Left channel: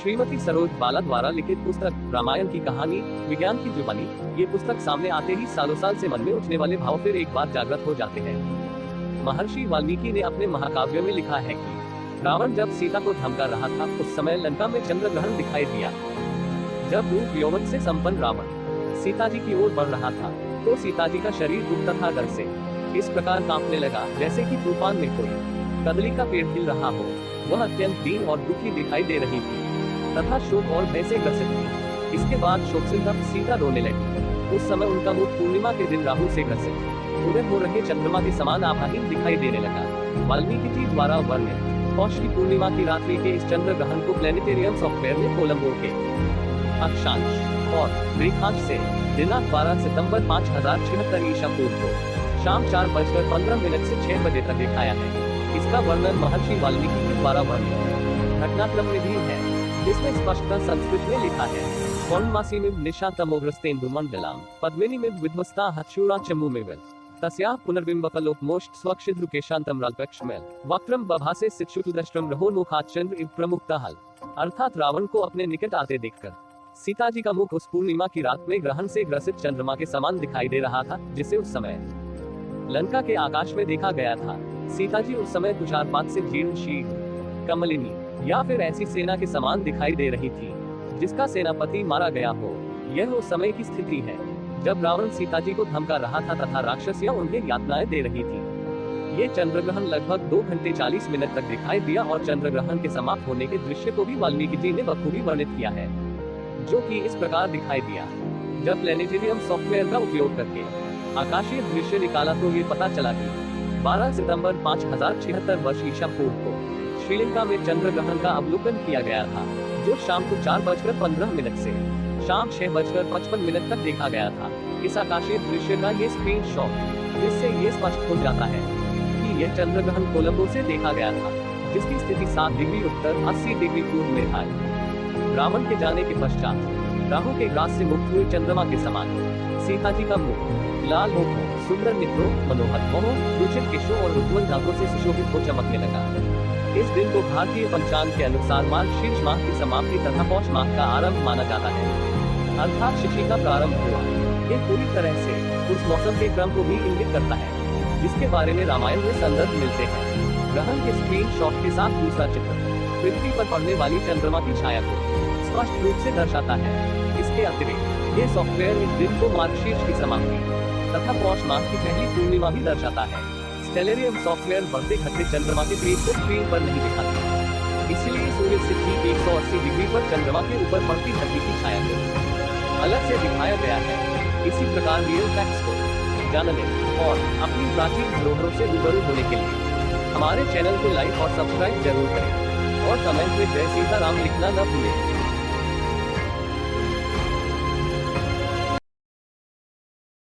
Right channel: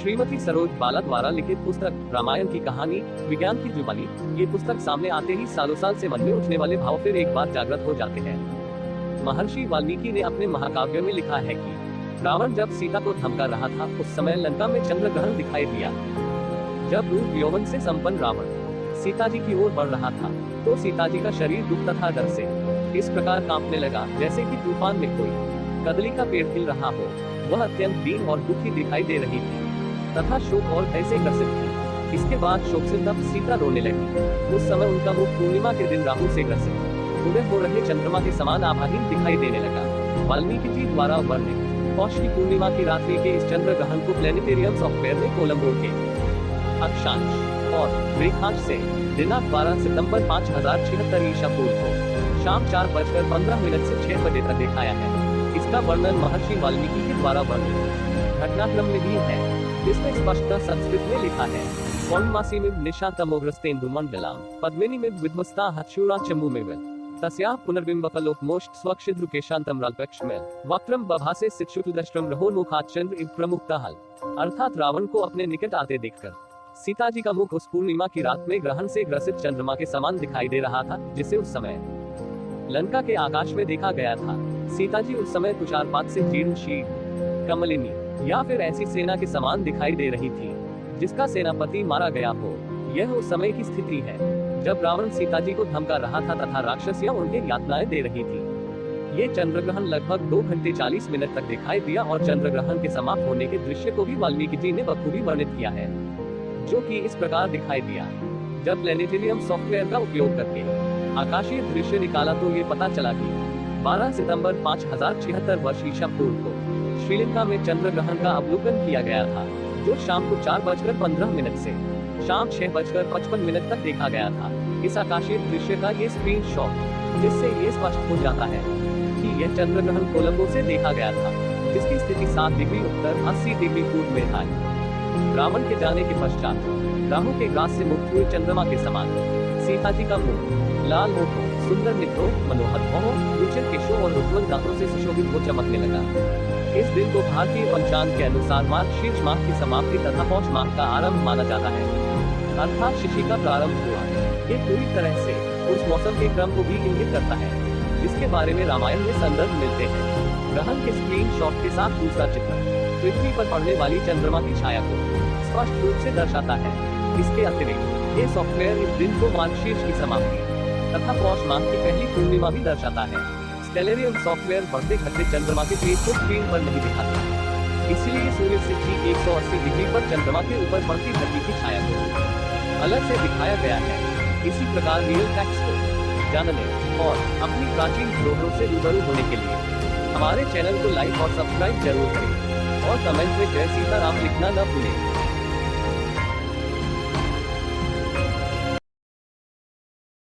श्रीमती सरोज बाला द्वारा लिखित पुस्तक रामायण की कहानी विज्ञान की जुबानी, ये पुस्तक सामने आते ही सालों साल से मन में उठने वाले भाव फिर एक बार जागृत हो जाते हैं। महर्षि वाल्मीकि ने अपने महाकाव्य में लिखा है कि रावण जब सीता को धमका रहा था, उस समय लंका में चंद्र ग्रहण दिखाई दिया। जब रूप यौवन से संपन्न रावण सीता जी की ओर बढ़ रहा था, तो सीता जी का शरीर दुख तथा डर से इस प्रकार कांपने लगा, जैसे कि तूफान में कोई कदली का पेड़ हिल रहा हो। वह अत्यंत दीन और दुखी दिखाई दे रही थी तथा शोक और भय से ग्रसित थी। इसके बाद शोक संतप्त सीता रोने लगी। उस समय उनका मुख पूर्णिमा के दिन राहु से ग्रसित उदय हो रहे चंद्रमा के समान आभाहीन दिखाई देने लगा। वाल्मीकि जी द्वारा वर्णित पौष की पूर्णिमा की रात्रि के इस चंद्र ग्रहण को प्लेनेटेरियम सॉफ्टवेयर ने कोलंबो के अक्षांश और रेखांश से दिनांक 12 सितंबर 5076 ईसा पूर्व को शाम 4:15 से 6 बजे तक दिखाया है। इसका वर्णन महर्षि वाल्मीकि के द्वारा वर्णित घटनाक्रम में भी है, जिसमें स्पष्टतः संस्कृत में लिखा है पौर्णमासी में निशांतमोग्रस्तेन्दु मंडलाम पद्मिनी में विध्वस्ता हक्षुरा चमू में तस्याः पुनर्बिंबफलोपमोष्ट स्वक्षिद्रुकेशांतम राल्पक्षमेल वक्त्रम बभासे सिक्षुतुदष्ट्रम रहोन्मुखात् चंद्र इव प्रमुक्तहल। अर्थात रावण को अपने निकट आते देखकर सीता जी का मुख उस पूर्णिमा की रात में ग्रहण से ग्रसित चंद्रमा के समान दिखाई दे रहा था, जिसे उस समय लंका के आकाश में देखा गया था। सीता जी उस समय तुषारपात से जीर्ण शीर्ण कमलिनी या फिर ऐसी सेना के समान दिखाई दे रही थी जिसका सेनापति मारा गया हो। यह उस समय की स्थिति है जब रावण सीता जी को धमका रहा था तथा राक्षसियां उन्हें यातनाएं दे रही थी। ये चंद्र ग्रहण लगभग 2 घंटे 40 मिनट तक दिखाई दिया और चंद्र ग्रहण के समाप्त होने के दृश्य को भी वाल्मीकि जी ने बखूबी वर्णित किया है, जो कि इस प्रकार दिखाई दिया। जब प्लेनेटेरियम सॉफ्टवेयर का उपयोग करके आकाशीय दृश्य निकाला तो ये पता चला कि 12 सितंबर 5076 वर्ष ईसा पूर्व को श्रीलंका में चंद्र ग्रहण का अवलोकन किया गया था, जो शाम को 4:15 से शाम 6:55 तक देखा गया था। इस आकाशीय दृश्य का ये स्क्रीन शॉट, जिससे ये स्पष्ट हो जाता है कि यह चंद्र ग्रहण कोलंबो से देखा गया था, जिसकी स्थिति 7 डिग्री उत्तर 80 डिग्री पूर्व में था। रावण के जाने के पश्चात राहु के ग्रास से मुक्त हुए चंद्रमा के समान सीता जी का मुख लाल होठों, सुंदर नेत्रों, मनोहर भौहों, रुचिर केशों और उज्ज्वल दांतों से सुशोभित हो चमकने लगा। इस दिन को भारतीय पंचांग के अनुसार मार्गशीर्ष माह की समाप्ति तथा पौष माह का आरंभ माना जाता है, अर्थात शिशि का प्रारंभ हुआ। ये पूरी तरह से उस मौसम के क्रम को भी इंगित करता है जिसके बारे में रामायण में संदर्भ मिलते हैं। ग्रहण के स्क्रीन शॉट के साथ दूसरा चित्र पृथ्वी पर पड़ने वाली चंद्रमा की छाया को स्पष्ट रूप से दर्शाता है। इसके अतिरिक्त ये सॉफ्टवेयर इस दिन को मार्गशीर्ष की समाप्ति तथा पौष माह की पहली पूर्णिमा भी दर्शाता है। स्टेलेरियम सॉफ्टवेयर बढ़ते घटते चंद्रमा के पेज को स्क्रीन पर नहीं दिखाते, इसलिए सूर्य से ठीक 180 डिग्री पर चंद्रमा के ऊपर पड़ती धरती की छाया को अलग से दिखाया गया है। इसी प्रकार रियल फैक्ट्स को जानने और अपनी प्राचीन धरोहरों से रूबरू होने के लिए हमारे चैनल को लाइक और सब्सक्राइब जरूर करें और कमेंट में जय सीताराम लिखना न भूलें।